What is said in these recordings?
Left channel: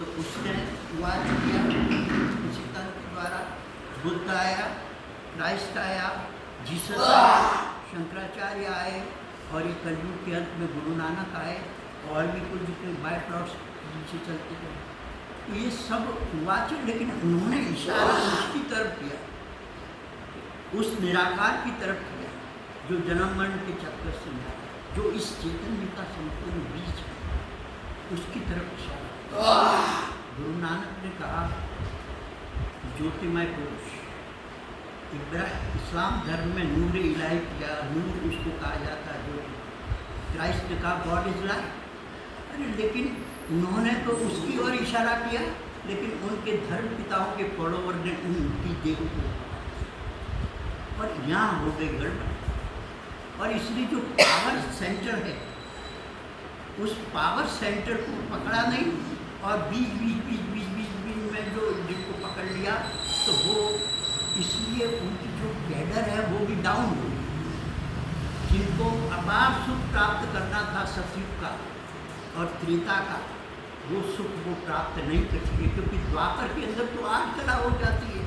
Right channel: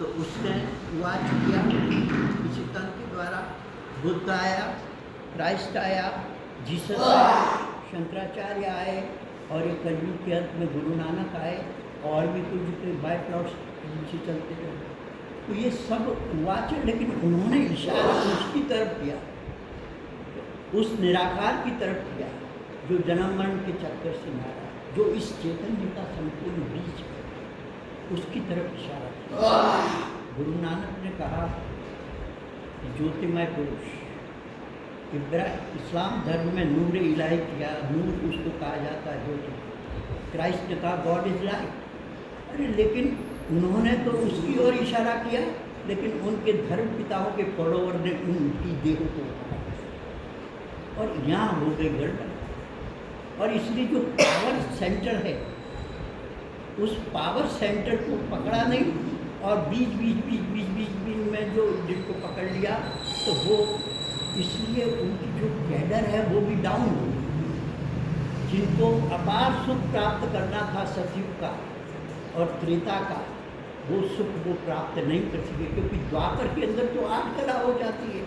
तो उसने वाद किया किसी तंत्र द्वारा। बुद्ध आया, क्राइस्ट आया, जीसस आया, शंकराचार्य आए और ये कलयुग के अंत में गुरु नानक आए और भी कुछ जितने बाय प्लॉट्स नीचे चलते रहे। तो ये सब वाच, लेकिन उन्होंने इशारा उसकी तरफ किया, उस निराकार की तरफ किया जो जन्म मरण के चक्कर से मारा, जो इस चैतन्य का संपूर्ण बीज है, उसकी तरफ इशारा किया। गुरु नानक ने कहा ज्योतिमय पुरुष। इस्लाम धर्म में नूर इलाही किया, नूर उसको कहा जाता है ज्योति। क्राइस्ट ने कहा गॉड इज लाइट। अरे लेकिन उन्होंने तो उसकी ओर इशारा किया, लेकिन उनके धर्म पिताओं के पड़ोवर ने उनकी देह को उठाया और यहाँ हो गई गड़बड़। और इसलिए जो पावर सेंटर है, उस पावर सेंटर को पकड़ा नहीं और बीच में जो जिनको पकड़ लिया, तो वो इसलिए उनकी जो कैडर है वो भी डाउन हो गई। जिनको अपार सुख प्राप्त करना था सतयुग का और त्रेता का, वो सुख वो प्राप्त नहीं कर सके, क्योंकि द्वापर के अंदर तो 8 कला हो जाती है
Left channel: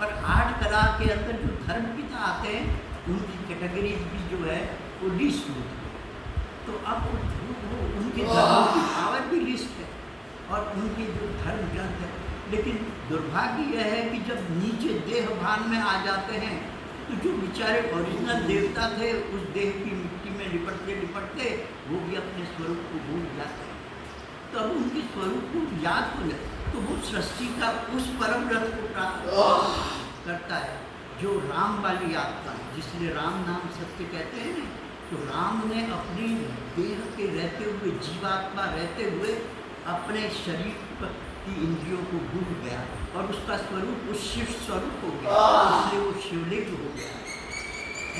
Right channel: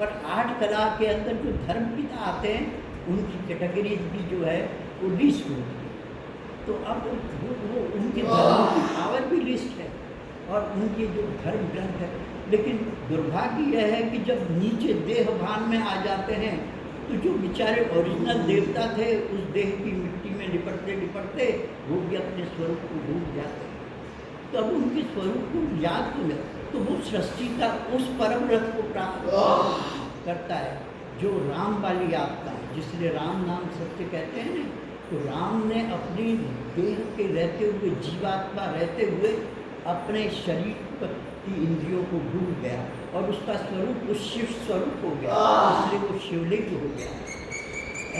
और 8 कला के अंदर जो धर्म पिता आते हैं उनकी कैटेगरीज भी जो है वो लिस्ट होती है। तो अब वो उनके धर्मों की पावर भी लिस्ट है और उनके जो धर्म ग्रंथ है। लेकिन दुर्भाग्य यह है कि जब नीचे देह भान में आ जाते हैं तो जो बेचारे ओरिजिनल देवता थे उस देह की मिट्टी में लिपटते लिपटते वो भी अपने स्वरूप को भूल जाते हैं। तो अब उनके स्वरूप को याद हो जाए तो वो सृष्टि का उस परम रथ को प्राप्त करता है जो राम वाली आत्मा, जिसलिए राम नाम सत्य कहते हैं ना। तो राम ने अपनी देह के रहते हुए, जीवात्मा रहते हुए अपने शरीर की इंद्रियों को भूल गया और उसका स्वरूप उस शिव स्वरूप हो गया, इसलिए वो शिवलिंग हो गया।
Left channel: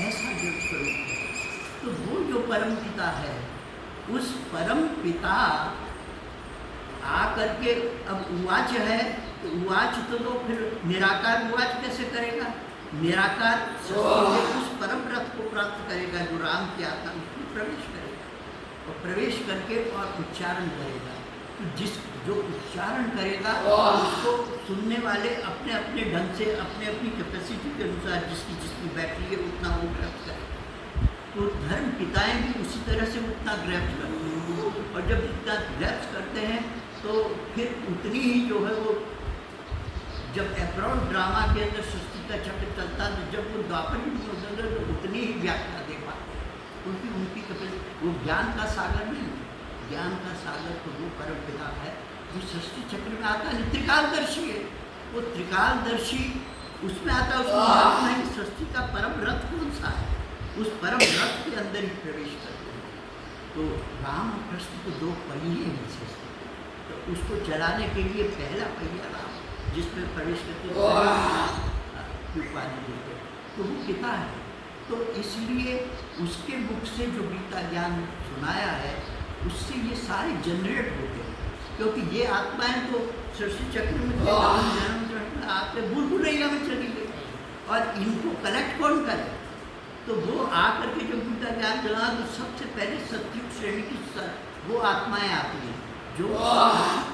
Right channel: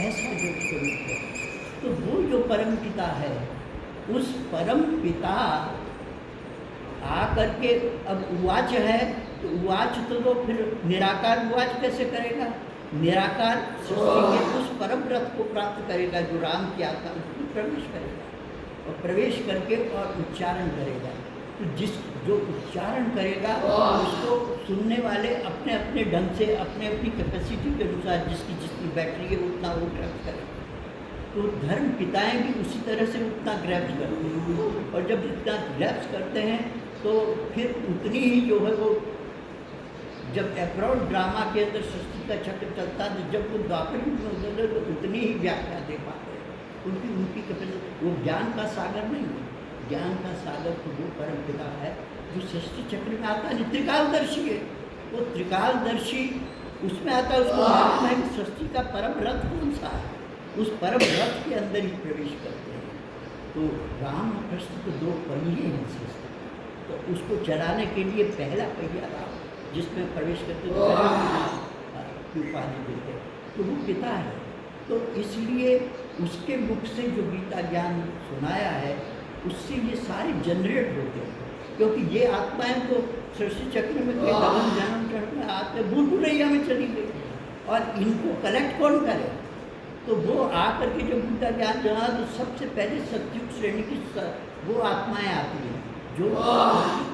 ऐसा जो स्वरूप है, तो वो जो परम पिता है, उस परम पिता आकर के अब उवाच है, तो उवाच तो फिर निराकार उवाच कैसे करेगा? निराकार सृष्टि के उस परम रथ को प्राप्त करेगा जो राम की आत्मा, उसमें प्रवेश करेगा और प्रवेश करके और उच्चारण करेगा। तो जो उच्चारण करेगा उसको सुनने वाले अपने अपने ढंग से, अपने अपनी कैपेसिटी के अनुसार, जिसकी बैटरी है उतना वो ग्रैप्स करेगा। तो धर्म पिताएं भी उसी तरह से उतना ग्रैप्स करते हैं और जब जितना ग्रैप्स करते हैं तो फिर उतनी ही जो है वो, जब अब्रॉड ड्रामा के अंदर सृष्टि का चक्र चलता है, जब वो द्वापर युग में उतरते तो उतनी ही व्याख्या दे पाते हैं, क्योंकि उनकी कैपेसिटी, वो ज्ञान का सागर नहीं है। ज्ञान का सागर तो वो परम पिता है जो सृष्टि चक्र में आता है, त्रिकालदर्शी है। वो त्रिकालदर्शी उसमें आता है, उसको मालूम है कि सृष्टि का परम रथ कौन सा है, उस परम रथ के अंदर ही प्रवेश करते हैं। तो राम और कृष्ण तो 2 पहिए हैं सृष्टि, तो उसको चलाने के लिए पहला पहिया राम, जिसमें प्रवेश करते की उपाधि देते, तो वो पिता है। तो इसलिए उसके मुख से जो गीता ज्ञान सुनाया है उससे ये सारे जनरेट होते हैं, क्योंकि ये आत्माएं तो सृष्टि चक्र में जन्म चक्र में आते भूल भुलैया में चली गई और इनको कलेक्ट कौन करे? तो वो आकर के जब गीता ज्ञान जगा तो सबसे पहले सतयुग श्रेणी की वो आत्माएं आती हैं जो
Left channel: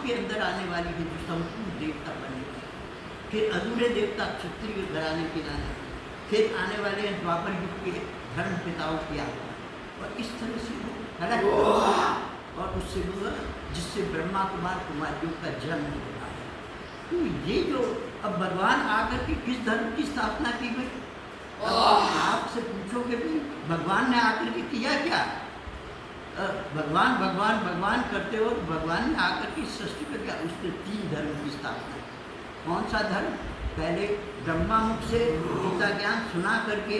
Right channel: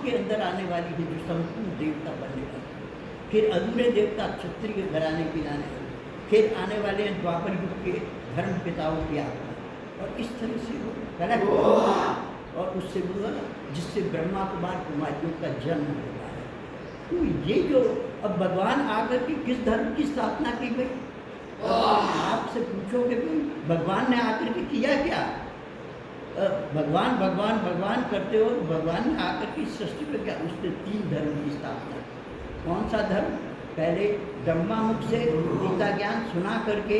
के अंदर आने वाली है, जो संपूर्ण देवता बनने वाली है। फिर अधूरे देवता क्षत्रिय घराने की लाने वाले, फिर आने वाले हैं द्वापर युग के धर्म पिताओं की आत्मा, और इस तरह से वो कलेक्ट और उससे हुआ जिससे ब्रह्मा कुमारियों का जन्म होता है। तो ये जो अब भगवान आकर के किस धर्म की स्थापना की गई, आपसे पूछोगे भाई भगवान ने आकर के किया क्या? भगवान भगवान भगवान करते हो, भगवान ने आकर के सृष्टि में क्या? उसने 3 धर्म की स्थापना। कौन सा धर्म? पहले ब्रह्मा मुख से गीता ज्ञान सुना करके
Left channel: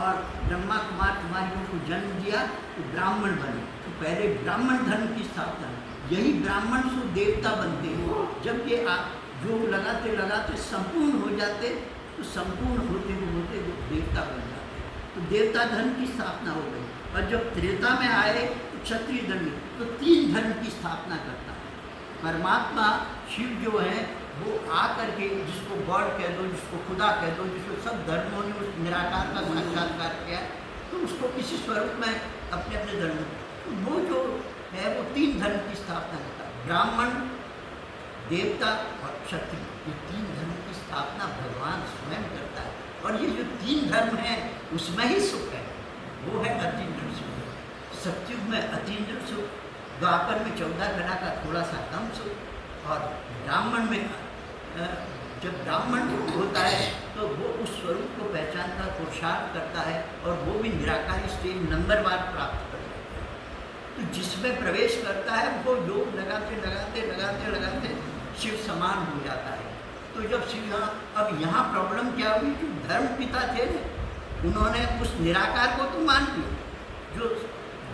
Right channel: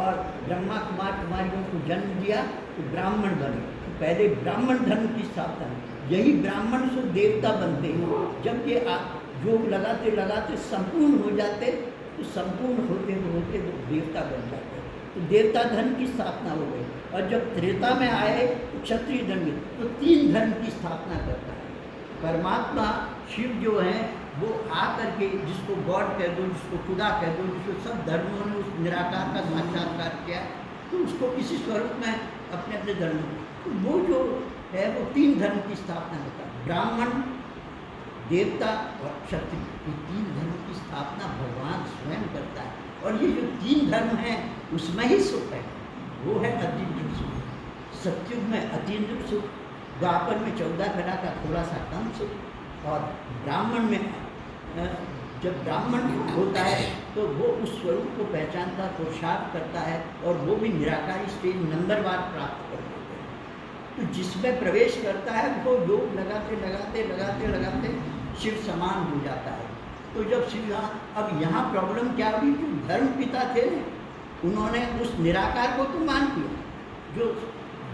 और ब्रह्मा कुमारियों को जन्म दिया तो ब्राह्मण बने। तो पहले ब्राह्मण धर्म की स्थापना, यही ब्राह्मण सो देवता बनते हैं। जब ये योग लगाते लगाते संपूर्ण हो जाते तो संपूर्ण होते होते वो देवता बन जाते, तो देवता धर्म की स्थापना हो गई। और जब त्रेता में आए तो क्षत्रिय धर्म, तो 3 धर्म की स्थापना करता है। परमात्मा शिव जो है वो आकर के, जिसको गॉड कह दो, जिसको खुदा कह दो, जिसको सब धर्मों ने उस निराकार का साक्षात्कार किया, तो उसको किसी स्वरूप में अपने अपने धर्म, तो वो जो है वो 3 धर्म की स्थापना करता है। ब्राह्मण देवता और क्षत्रिय, ये तीन धर्म की स्थापना भगवान स्वयं करता है। और ये जो तीन धर्म हैं उसमें ही सुख है, वो है अतीन्द्रिय सुख। सतयुग में अतीन्द्रिय सुख, द्वापर में 14 घड़ा का थोड़ा सा कम सुख, और ब्राह्मण में जब ब्राह्मण होता है तो वो उस स्वरूप को पहचानता, पुरुषार्थ करता है, और वो भी निराकारी स्टेज नंबरवार प्राप्त कर लेता है। तो जिसमें प्रवेश करता है वो योग लगाते लगाते लगाते लगाते शिव समान हो जाता है। तो जब शिव, अब यहाँ प्रॉब्लम क्या हुई, जो धर्म पिता थे ना, उन्होंने उस निराकार को तो मान लिया, जो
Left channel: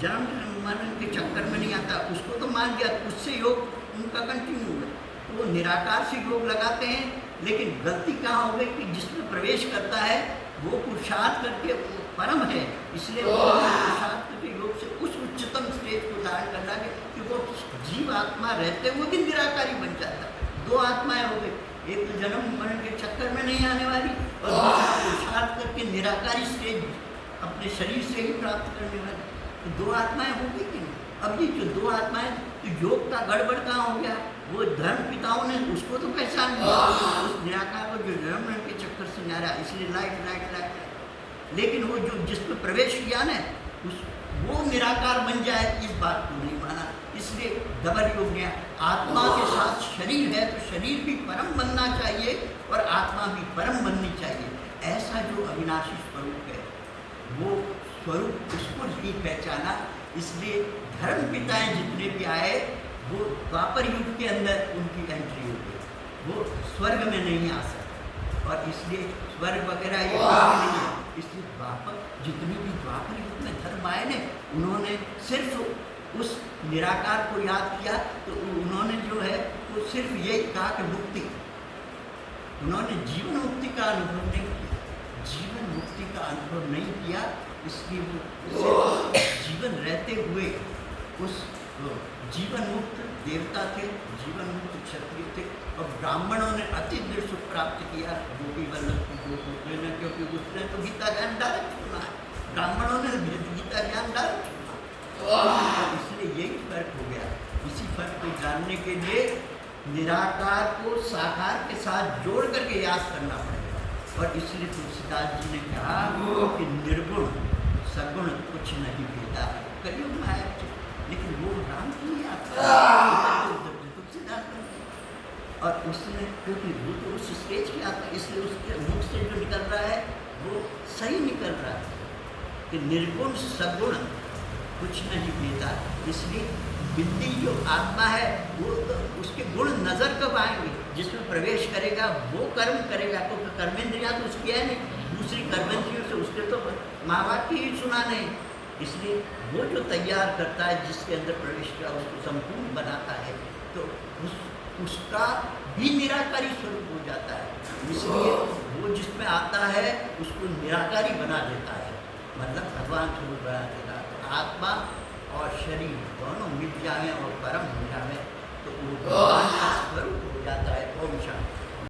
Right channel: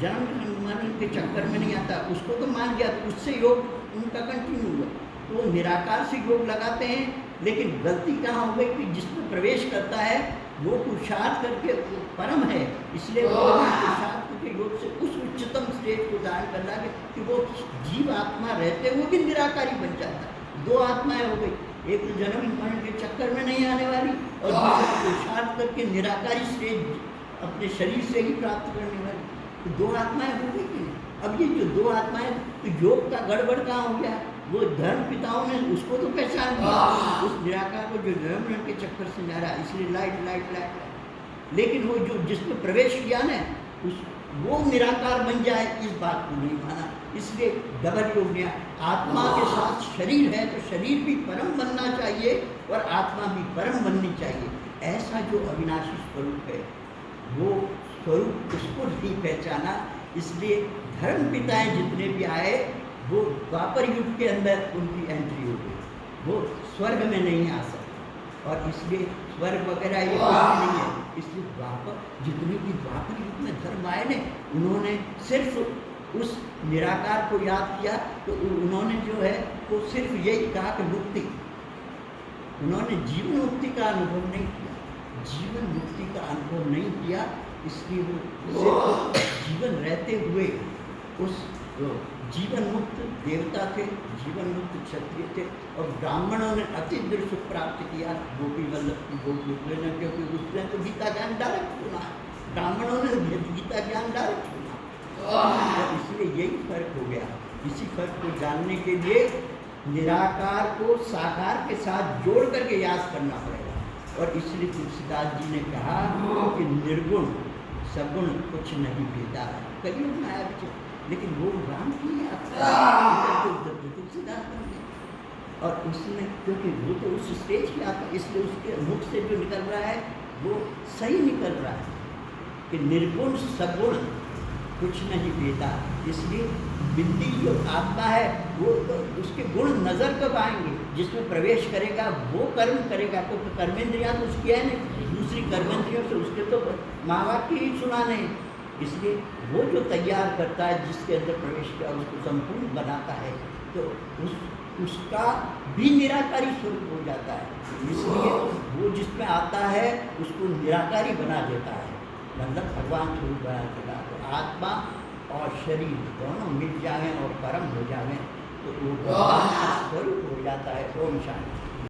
जन्म मरण के चक्कर में नहीं आता उसको तो मान लिया, तो उससे योग उनका कंटिन्यू हुआ। वो निराकार से योग लगाते हैं, लेकिन गलती कहाँ हो गई कि जिसमें प्रवेश करता है वो पुरुषार्थ करके वो परम है, इसलिए वो पुरुषार्थ के योग से उस उच्चतम स्टेज को धारण करना कि वो जीव आत्मा रहते हुए भी निराकारी बन जाता है। दो आत्माएं हो गई, एक तो जन्म मरण के चक्कर में नहीं आने वाली, और दूसरा पुरुषार्थ करके निराकारी स्टेज अपने शरीर से ही प्राप्त करने वाली। तो दो आत्माएं हो गई कि नहीं? अब ये जो दो आत्माएं, तो योग का गड़बड़ कहाँ हो गया, वो धर्म पिताओं ने उसको तो पहचान लिया, उस निराकार को जो जन्म मरण के चक्कर से ना रहा, इसलिए लाइट लाइट लाइट, लेकिन वो जो जिसमें प्रवेश किया ना, उस वो निराकार बन जाए इस बात को नहीं माना, इसलिए डबल योग लिया। आत्मा के साथ शरीर है तो शरीर भी परम बनना चाहिए और आत्मा भी परम बननी चाहिए। ऐसा जो अविनाशी स्वरूप है वो स्वरूप उसको नहीं पहचाना, इसलिए धर्म पिताएं जितने भी आए वो द्वापर युग के अंदर उनकी एंट्री हो गई, वो स्वर्ग में नहीं आ सकते, और इसलिए स्वर्ग वगैरह ये नहीं है। इसलिए द्वापर जितने भी द्वापर युग में धर्म आए ने, उन्होंने सिर्फ उस निराकार को याद किया, तो उन्होंने जो है वो सिर्फ यही कहा कि मुक्ति, उन्होंने जीवन मुक्ति का अनुभव नहीं किया, जीवन मुक्ति का अनुभव नहीं किया, इसलिए वो सिर्फ जीवन रहते हुए उस जीवन मुक्त देवता थे, जीवन मुक्त क्षत्रिय थे, और ब्राह्मणों ने अतीन्द्रिय सुख प्राप्त किया गोपी वल्लभ की गोपी ने, क्योंकि उसने तो गीता ज्ञान डायरेक्ट सुना है, ब्राह्मणों ने गीता ज्ञान डायरेक्ट सुना, इसलिए यही फर्क हो गया। इसी फर्क को जानने के लिए निराकार को साकार के साथ जोड़ करके याद करना पड़ेगा, और इसलिए तुलसीदास जी ने कहा कि निर्गुण सगुण कुछ नहीं भेदा, कलयुग में आया, लेकिन वो राम की यात्रा तुलसीदास बन गए, और उसने, क्योंकि वो तो उस स्टेज की आता, इसलिए उसके मुख से जो निकल रहा है वो सही निकल रहा है कि निर्गुण सगुण कुछ नहीं देता। इसलिए बिल्ली जो आत्मा है वो तो उसके गुण नजर कब आएंगे, जिसमें प्रवेश करेगा वो कर्म करेगा, क्योंकि कर्मेंद्रियां तो उसकी है नहीं, दूसरी कर्मेंद्रियों से उसके तो माँ बाप की ही सुना नहीं, इसलिए वो जो तैयार करता है, जिसके अंदर प्रवेश किया उसको संपूर्ण बनाता है, तो उसका भी निराकारी स्वरूप हो जाता है, इसलिए वो जिसमें आता है उसको निराकारी बना देता है, मतलब भगवान स्वरूप बना देता है। तो आत्मा और शरीर दोनों मिल जाएं और परम हो जाएं तो वो भगवान का स्वरूप हो जाता है। ओम शांति।